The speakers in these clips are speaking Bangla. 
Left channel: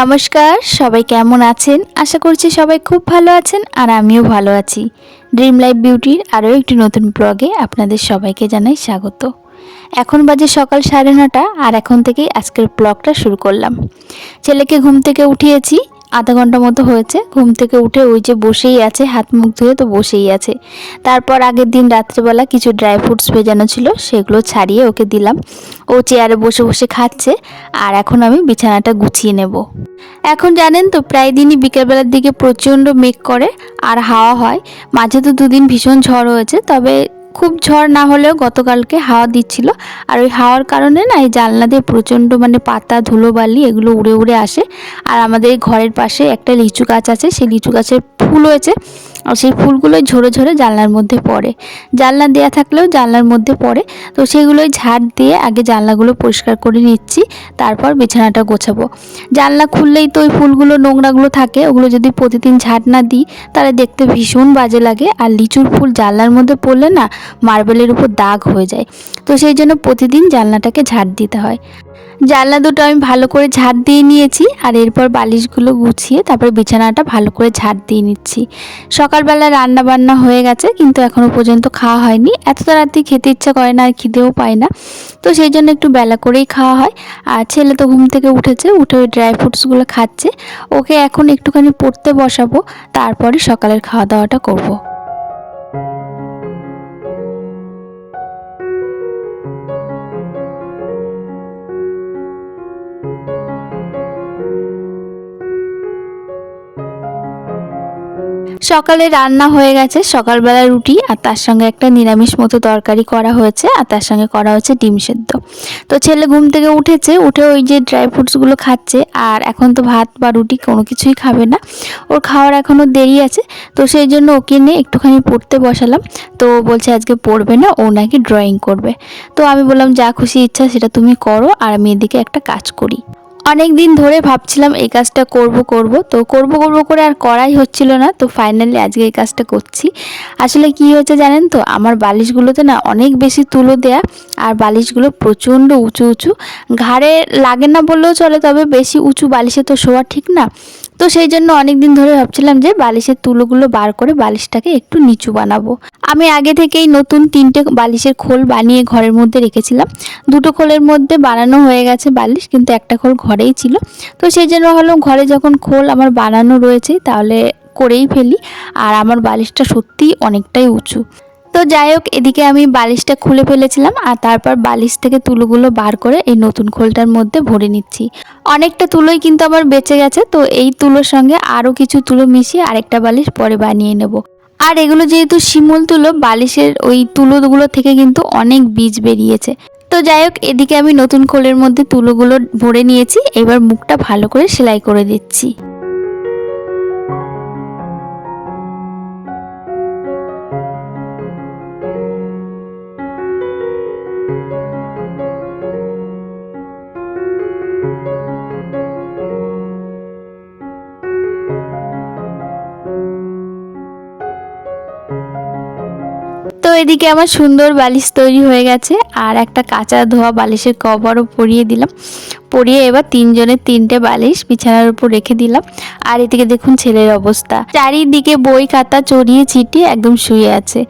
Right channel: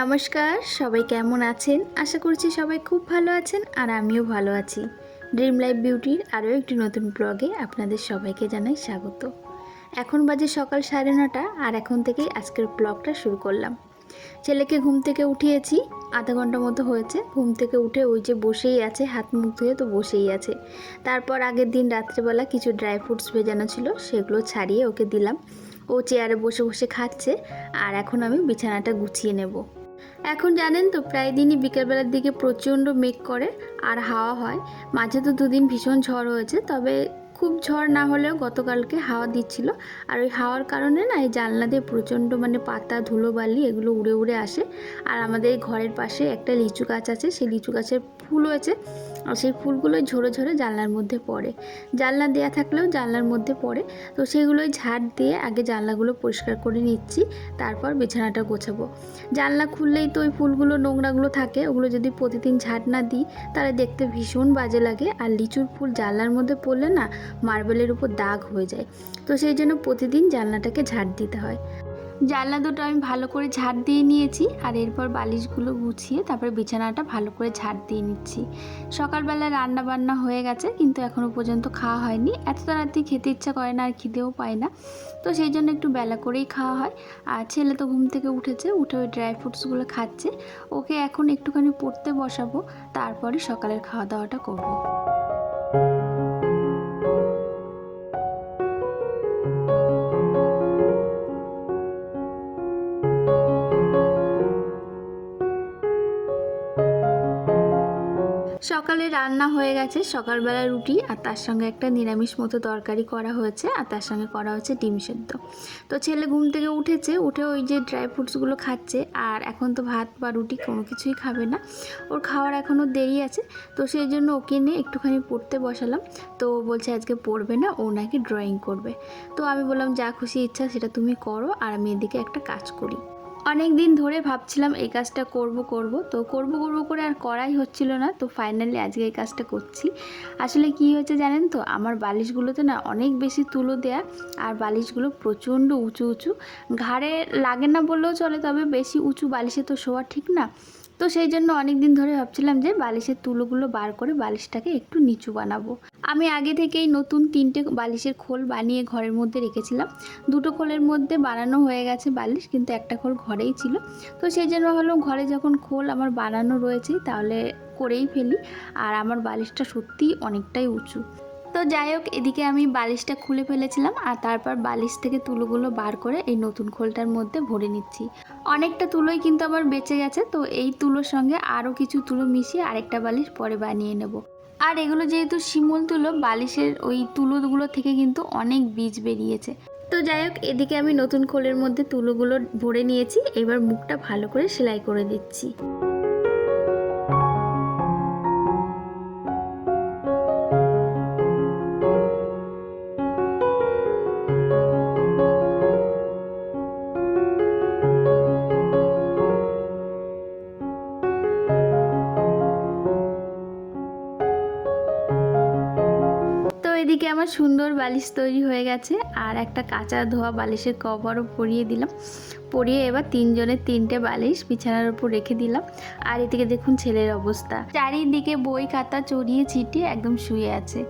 নমস্কার, সবাই কেমন আছেন? আশা করছি সবাই খুব ভালো আছেন আর আমিও ভালো আছি। ড্রিম লাইফ বিউটির আরও একটি নতুন ব্লগে আপনাদের সবাইকে জানাই স্বাগত। এখন বাজে সকাল 9:30 আর এখন থেকেই আজকের ব্লগটা শুরু করলাম। ছেলেকে ঘুম থেকে উঠিয়েছি, আধা ঘন্টা মতো হয়েছে। ঘুম থেকে উঠে ওই যে বসেই আছে, হাত মুখ ধুয়ে তো বসেই আছে। তারপর আগের দিন রাত্রেবেলা কিছু ড্রাই ফ্রুটস ভেজানো ছিল, সেগুলো ছাড়িয়ে ওকে দিলাম। ও চেয়ারে বসে বসে খাচ্ছে আর এখন আমি বিছানাটা গুছিয়ে নেব। এখন জানেন তো প্রায় দিনই বিকেলবেলার দিকে প্রচণ্ড মেঘ করে আর হাওয়া হয়। মাঝে তো দুদিন ভীষণ ঝড় হয়েছে, তবে খুব ঝড় না হলেও গতকালকে হাওয়া দিচ্ছিল। আর ওই হাওয়ার কারণে না এই জানলা দিয়ে প্রচণ্ড পাতা ধুলোবালি এগুলো উড়ে উড়ে আসে। আর আমাদের ঘরের পাশে একটা লিচু গাছ আছে, সেই লিচু গাছের ফুল হয়েছে আর সেই ফুলগুলোই ঝরে ঝরে জানলার মধ্যে পড়ে। জানলা দেওয়া থাকলেও জানলার মধ্যে পড়ে, তো সেগুলোই ঝাড় দিয়ে আগে জানলাগুলো পরিষ্কার করে নিচ্ছি, তারপর বিছানাটা গোছাবো। জানলা খুললেই তো ওই ফুলগুলো নোংরাগুলো থাকে, ওগুলো যদি প্রতিদিন ঝাড় না দিই তাহলে দেখতে ভীষণ বাজে লাগে। আর লিচুর ফুল জানলার মধ্যে পড়লে না মার্বেলের উপর দাগ হয়ে যায়, তো সেই জন্য প্রতিদিন জানলাটাকে ঝাড় দিতে হয়। জানলা দুটো আমি ভালো করে ঝাড় দিয়ে নিয়েছি আর এরপর বালিশগুলো গুছিয়ে তারপর বিছানাটা ভালো করে ঝাড় দিয়ে নিচ্ছি। সকালবেলা রান্না বান্না হয়ে গেছে, কিন্তু এখনও পর্যন্ত খাওয়া হয়নি। এত তাড়াতাড়ি খেতে ইচ্ছা করে না আর খিদেও পায় না, তো সেই জন্য একটু বেলা করেই খাওয়া হয়। আর ছেলে তো ঘুম থেকে উঠেছে, উঠে ওই ড্রাই ফ্রুটসগুলো খাচ্ছে। ওকে এখন একটুখানি পড়তে বসাবো, তারপরে সকালের খাওয়া দাওয়াটা করব। সকালে রান্না হয়ে গেছে, সকালবেলা রুটি আর তার সঙ্গে একটা নিরামিষ মতো তরকারি করা হয়েছে আর তার সঙ্গে করা হচ্ছে ডিম সেদ্ধ। তো ছেলে ঘুম থেকে উঠেছে, উঠে ওই যে ড্রাই ফ্রুটসগুলো খাচ্ছে। আর এখন তো ভাত বা রুটি কোনো কিছুই খাবে না, ওর খাওয়ার এখনও দেরি আছে। তো সেই জন্য ওকে নিয়ে একটুখানি পড়তে বসালাম। তো বলছে আজকে পড়বে না, ও নাকি ড্রয়িং করবে। তো আমি বললাম যা খুশি ইচ্ছা সেটা তুমি করো, আর আমি এদিকে একটা কাজ করি। অনেক দিন ধরে ভাবছিলাম এই কাজটা করব, তো করব করে আর করাই হচ্ছিল না। তো ফাইনালি আজকে এই কাজটা করছি। আসলে কি হয়েছে জানেন তো, আমার বালিশগুলোতে না অনেক বেশি তুলো দেয়া, আর বালিশগুলো প্রচণ্ড উঁচু উঁচু, ঘাড়ে লাগে না বললেও চলে, তবে বেশি উঁচু বালিশে তো শোয়া ঠিক না। তো সেই জন্য অনেক দিন ধরে ভাবছিলাম যে বালিশের তুলোগুলো বার করে বালিশটাকে একটু নিচু বানাবো। আমি আগে থেকেই নতুন 3টে বালিশের খোল বানিয়ে ঘরের মধ্যে রেখেছিলাম। 2টো খোলের মধ্যে বানানো হয়ে গেছে বালিশ, কিন্তু একটা খোল ঘরেই ছিল। তো সেই জন্য হলো ঘরে যখন খোল আমার বানানো রয়েছে তাহলে করেই ফেলি। আর আমার বালিশটা সত্যিই অনেকটাই উঁচু। তো যাই হোক, এদিকে আমি বালিশটা খুলে ফেলেছিলাম আর তারপর বালিশ থেকে তুলোগুলো বার করে এই নতুন খোলটার মধ্যে ভরে নিচ্ছি। অনেকটা তুলোই কিন্তু আমার বেঁচে গেছে, তো এই তুলোর সঙ্গে আরও কিছু তুলো মিশিয়ে আরেকটা বালিশ পরে বানিয়ে নেব। আর এগুলো যেহেতু শিমুল তুলো, বালিশের ওই তুলোগুলো থেকে কিন্তু অনেক বীজ বেরিয়েছে। তো যাই হোক, এদিকে আমি নতুন খোলের মধ্যে তুলোগুলো ভরে নিয়েছি, এবার মুখটা ভালো করে সেলাই করে দিচ্ছি। তো এদিকে আমার সুন্দর বালিশ তৈরি হয়ে গেছে, আর একটা কাঁচা ধোয়া বালিশের কভারও পরিয়ে দিলাম। পরিয়ে এবার 3জনের 3টে বালিশ বিছানার উপর রেখে দিলাম। আর এদিকে দেখুন ছেলের অবস্থা, চারিদিকে বই খাতা চড়িয়ে ছিটিয়ে একদম শুয়ে আছে।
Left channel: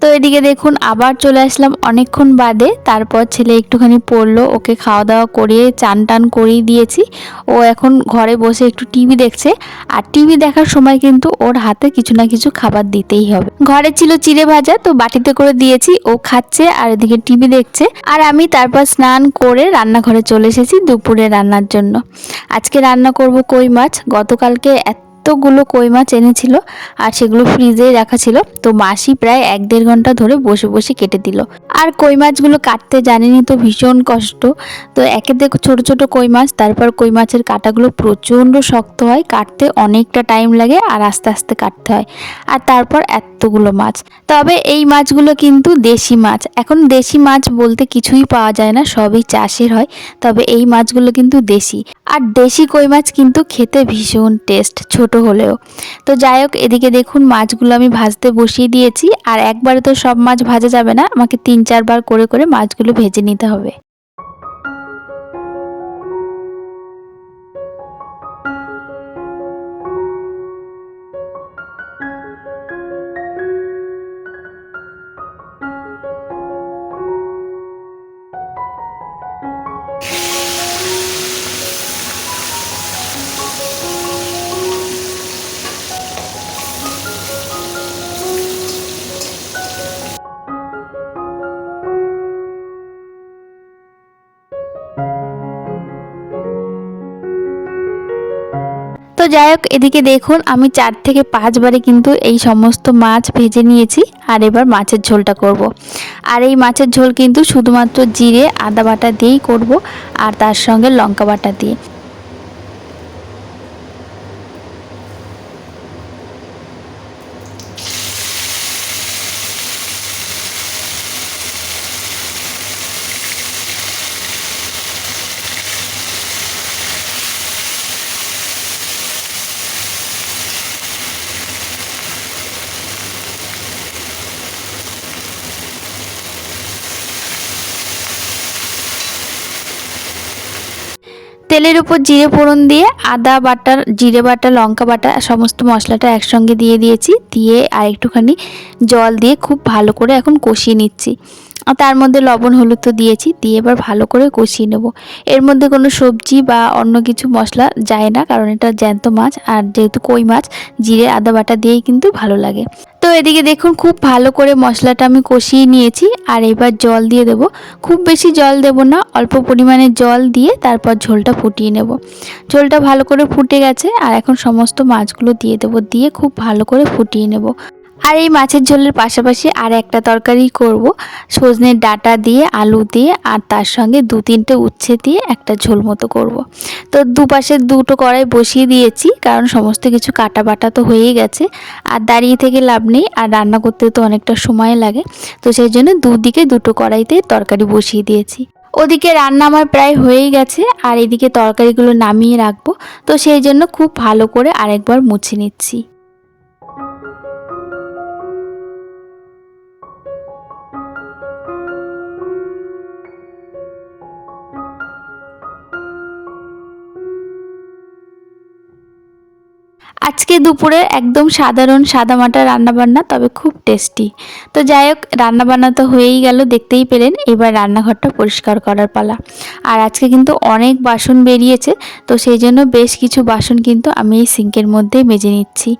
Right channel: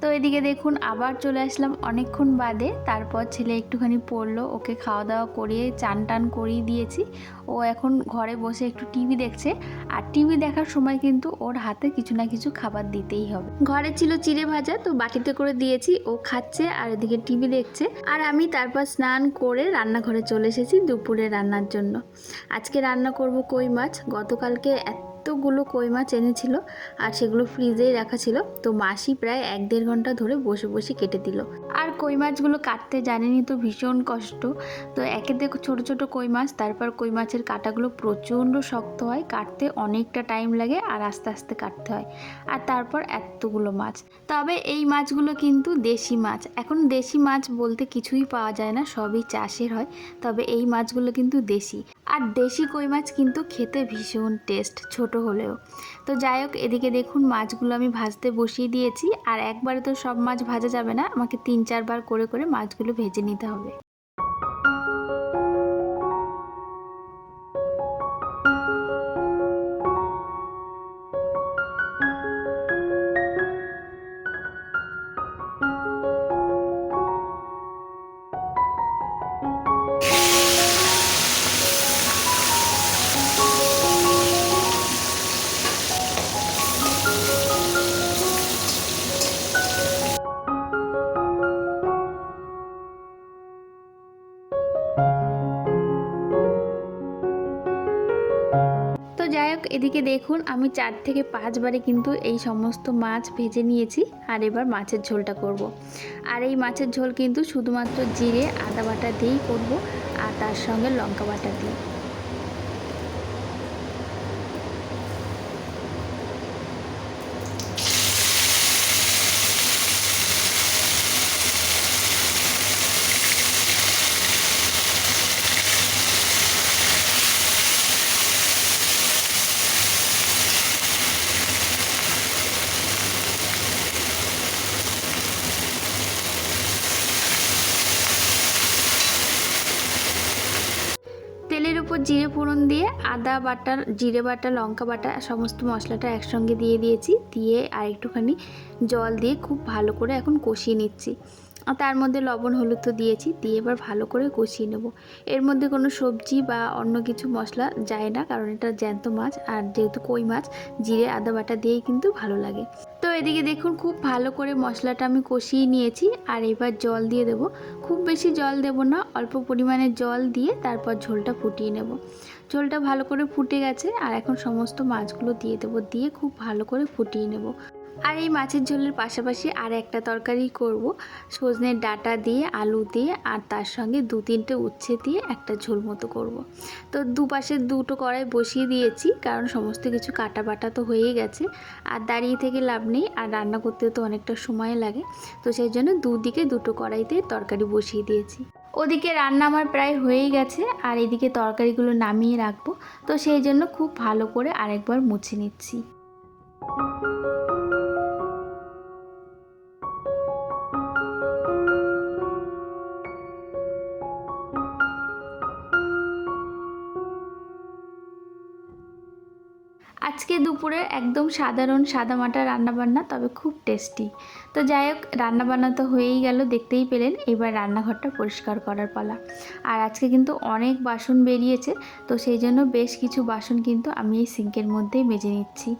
তো এদিকে দেখুন আবার চলে আসলাম অনেকক্ষণ বাদে। তারপর ছেলে একটুখানি পড়লো, ওকে খাওয়া দাওয়া করিয়ে চান টান করিয়ে দিয়েছি। ও এখন ঘরে বসে একটু টিভি দেখছে, আর টিভি দেখার সময় কিন্তু ওর হাতে কিছু না কিছু খাবার দিতেই হবে। ঘরে ছিল চিড়ে ভাজা, তো বাটিতে করে দিয়েছি, ও খাচ্ছে আর এদিকে টিভি দেখছে। আর আমি তারপর স্নান করে রান্নাঘরে চলে এসেছি দুপুরে রান্নার জন্য। আজকে রান্না করব কই মাছ। গতকালকে এতগুলো কই মাছ এনেছিল আর সেগুলো ফ্রিজে রাখা ছিল, তো মাসি প্রায় 1-1.5 ঘন্টা ধরে বসে বসে কেটে দিল। আর কই মাছগুলো কাটতে জানেনই তো ভীষণ কষ্ট। তো একে দেখো ছোট ছোট কই মাছ, তারপর কই মাছের কাঁটাগুলো প্রচণ্ড শক্ত হয়, কাটতে অনেকটা টাইম লাগে আর আস্তে আস্তে কাটতে হয়। আর তারপর এতগুলো মাছ, তবে এই মাছগুলো কিন্তু দেশি মাছ। এখন দেশি মাছ বলতে কিছুই পাওয়া যায় না, সবই চাষের হয়, তবে এই মাছগুলো কিন্তু দেশি। আর দেশি কই মাছ কিন্তু খেতে ভীষণ টেস্ট, ছোট হলেও। তো যাই হোক, এদিকে দেখুন মাছগুলো আমি ভাজতে বসিয়ে দিয়েছি। আর একবারে তো সব মাছ ভাজা যাবে না, আমাকে 3-4 বার করে করে মাছগুলো ভেজে নিতে হবে। যাই হোক, এদিকে দেখুন আমি 4 থেকে 5 বারে কিন্তু এই সমস্ত মাছ ভেজে নিয়েছি। আর এবার মাছের ঝোলটা করব। আর এই মাছের ঝোল কিন্তু শুধুমাত্র জিরে আদা বাটা দিয়েই করব, আর তার সঙ্গে লঙ্কা বাটা দিয়ে। তেলের উপর জিরে ফোড়ন দিয়ে আদা বাটা, জিরে বাটা, লঙ্কা বাটা সমস্ত মশলাটা একসঙ্গে দিয়ে দিয়েছি। দিয়ে আর একটুখানি জল দিয়ে খুব ভালো করে এখন কষিয়ে নিচ্ছি। আর তার মধ্যে লবণ হলুদ তো দিয়েছি, দিয়ে এবার ভালো করে কষিয়ে নেব। এর মধ্যে কোনো সবজি বা অন্য কিছু মশলা যায় না, কারণ এটা জ্যান্ত মাছ, আর যেহেতু কই মাছ জিরে আদা বাটা দিয়েই কিন্তু ভালো লাগে। তো এদিকে দেখুন খুব ভালো করে মশলাটা আমি কষিয়ে নিয়েছি। আর এবার জল দিয়ে দেব। খুব বেশি জল দেব না, অল্প পরিমাণে জল দিয়ে তারপর ঝোলটা ফুটিয়ে নেব। ঝোলটা ভালো করে ফুটে গেছে, আর এখন সমস্ত মাছগুলো দিয়ে দেব, দিয়ে খুব ভালো করে ফুটিয়ে নেব। আর এই মাছের ঝোলের পাশাপাশি আর একটা তরকারি করব, সজনের ডাঁটা দিয়ে আলু দিয়ে আর তার সঙ্গে 2-3টে উচ্ছে দিয়ে একটা ঝোল মতো করব। তো দুপাশে দুটো কড়াই বসিয়ে দিয়েছি, কারণ সমস্ত কিছু কাটা বাটা তো হয়েই গেছে, আর দাঁড়িয়ে থেকে লাভ নেই, আর রান্না করতে তো অনেকটা সময় লাগে। তো সেই জন্য দুদিকে দুটো কড়াইতে তরকারি বসিয়ে দিয়েছি। ওদিকে রান্না আমার প্রায় হয়েই গেছে, আর এদিকে তরকারিগুলো নামিয়ে রাখবো। তো সেই জন্য খুব ভালো করে আরেকবার মুছে নিচ্ছি। আজকে দুপুরে একদম সাধারণ সাদামাটা রান্নাবান্না, তবে খুব টেস্টি। তো যাই হোক, রান্নাবান্না তো হয়েই গেল, দেখতেই পেলেন। এবার রান্নাঘরটা পরিষ্কার করার পালা। আর আজকে কিন্তু অনেক বাসন বেরিয়েছে, তো সেই জন্য বেশ কিছু বাসন কিন্তু আমি এই সিঙ্কের মধ্যে মেজে নিচ্ছি।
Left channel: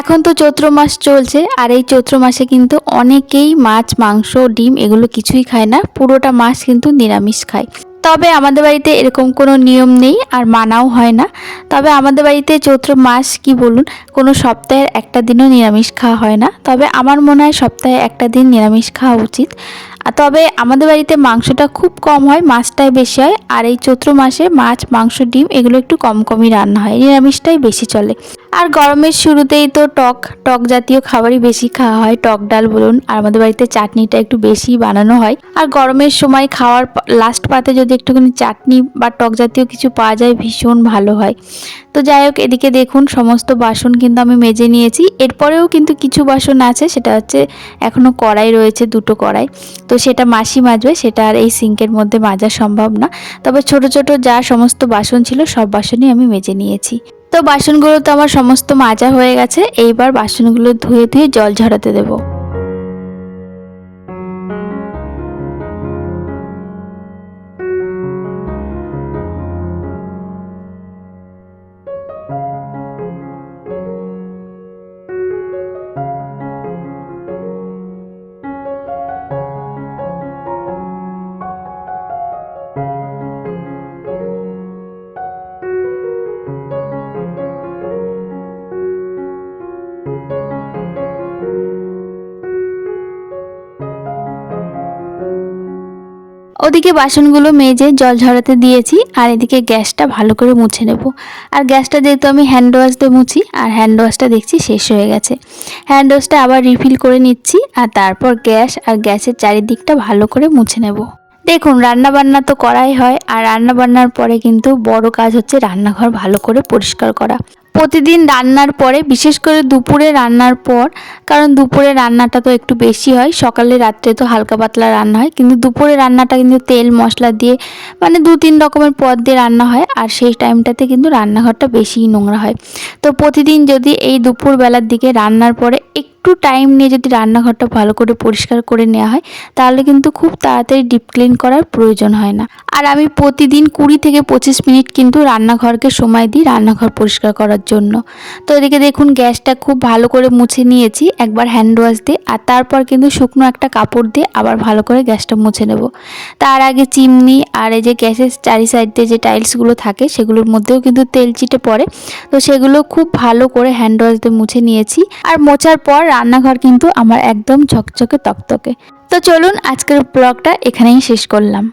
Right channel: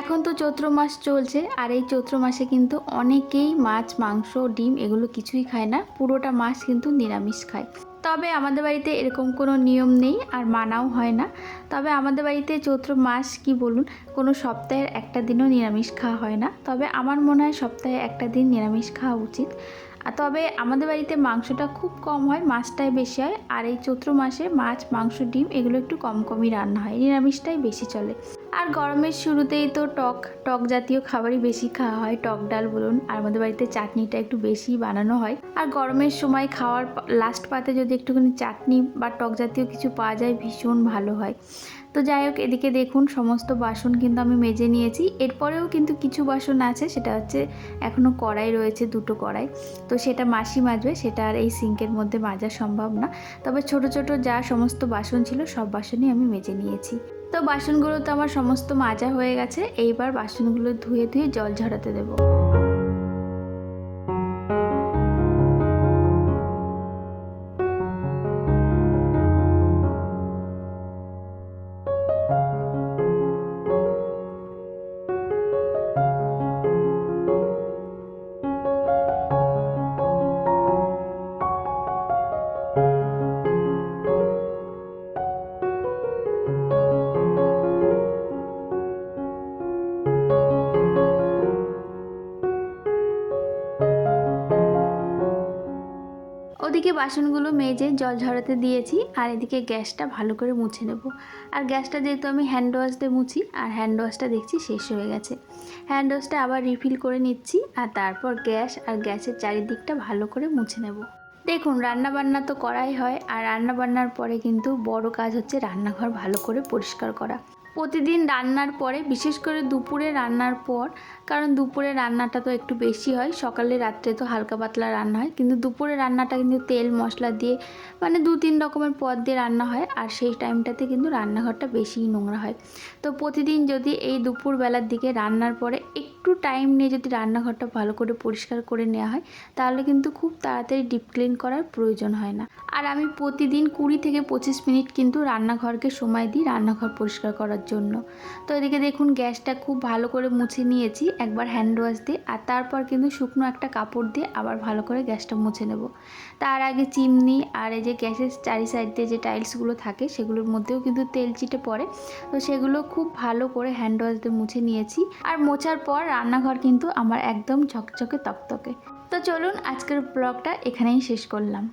এখন তো চৈত্র মাস চলছে, আর এই চৈত্র মাসে কিন্তু অনেকেই মাছ মাংস ডিম এগুলো কিছুই খায় না, পুরোটা মাস কিন্তু নিরামিষ খায়। তবে আমাদের বাড়িতে এরকম কোনো নিয়ম নেই, আর মানাও হয় না। তবে আমাদের বাড়িতে চৈত্র মাস কি বলুন, কোনো সপ্তাহের একটা দিনও নিরামিষ খাওয়া হয় না। তবে আমার মনে হয় সপ্তাহে একটা দিন নিরামিষ খাওয়া উচিত। তবে আমাদের বাড়িতে মাংসটা খুব কম হয়, মাছটাই বেশি হয়। আর এই চৈত্র মাসে মাছ মাংস ডিম এগুলো একটু কম কমই রান্না হয়, নিরামিষটাই বেশি চলে। আর গরমের শুরুতেই তো টক টক জাতীয় খাবারই বেশি খাওয়া হয়, টক ডাল বলুন, আর আমাদের বাড়িতে চাটনিটা একটু বেশি বানানো হয়। আর গরমের সময় খাওয়ার লাস্ট পাতে যদি একটুখানি চাটনি বা টক জাতীয় কিছু পাওয়া যায় ভীষণ ভালো হয়। তো যাই হোক, এদিকে দেখুন সমস্ত বাসন কিন্তু আমি মেজে নিয়েছি। এরপরেও কিন্তু কিছু বাসন আছে, সেটা হচ্ছে এখনও কড়াই রয়েছে, দুটো কড়াই। তো সেটা মাসি মাজবে, সেটা আর এই সিঙ্কের মধ্যে মাজা সম্ভব না। তবে ছোট ছোট যা সমস্ত বাসন ছিল সব বাসনই আমি মেজে নিয়েছি। তো বাসনগুলো তো আমার সমস্ত মাজা হয়ে গেছে। এইবার বাসনগুলো ধুয়ে ধুয়ে জল ঝরাতে দেবো। ওদিকে বাসনগুলো মেজে জল ঝরাতে দিয়েছি, আর এদিকে গ্যাসটা ভালো করে মুছে নেব। আর গ্যাসটা যেহেতু আমি হ্যান্ড ওয়াশ দিয়ে মুছি, আর হ্যান্ড ওয়াশটা দেখছি শেষ হয়ে গেছে। হ্যান্ড ওয়াশটা আবার রিফিল করে নিচ্ছি, আর তারপর গ্যাস আর গ্যাসের চারিদিকটা ভালো করে মুছে নেব। দেখুন, রান্নাবান্না তো করাই হয়, আর রান্নাবান্নার পরে কিন্তু বড় কাজ হচ্ছে রান্নাঘর ভালো করে পরিষ্কার করা। প্রতিদিন রান্নার পরে, বিশেষ করে দুপুরে রান্নার পর, কারণ দুপুরে রান্নাটা তো একটু বেশি হয়, সকালে রাত্রে তো হালকা পাতলা রান্না হয়, কিন্তু দুপুরে রান্নাটা কিন্তু তেল মশলা দিয়ে মানে 2-3 রকমের পদ দিয়ে রান্না হয়, আর সেই টাইমটাতে কিন্তু রান্নাঘরটা বেশিই নোংরা হয়। তো প্রতিদিন যদি এই দুপুরবেলার দিকে রান্নার পরে একটু একটু টাইম নিয়ে যদি রান্নাঘরটা ভালো করে পরিষ্কার করে নেওয়া হয় তাহলে কিন্তু খুব তাড়াতাড়ি ডিপ ক্লিন করার প্রয়োজন হয় না। আর আমি প্রতিদিন 20 থেকে 25 মিনিট কিন্তু রান্নাঘরকে সময় দিই রান্নাঘর পরিষ্কার করার জন্য। তো এদিকে দেখুন গ্যাসটা খুব ভালো করে মুছে নিয়েছি একবার হ্যান্ড ওয়াশ দিয়ে, আর তারপর কিন্তু শুকনো একটা কাপড় দিয়ে আবার ভালো করে গ্যাসটা মুছে নেব। তার আগে চিমনি আর এই যে গ্যাসের চারি সাইড দিয়ে যে টাইলসগুলো থাকে সেগুলোর মধ্যেও কিন্তু তেল চিটে পড়ে, তো সেগুলো খুব ভালো করে হ্যান্ড ওয়াশ দিয়ে মুছে নিয়েছি। আর মোছার পর রান্নাঘর কিন্তু আমার একদম ঝকঝকে তকতকে। তো চলুন আজকের ব্লগটা এখানেই শেষ করলাম।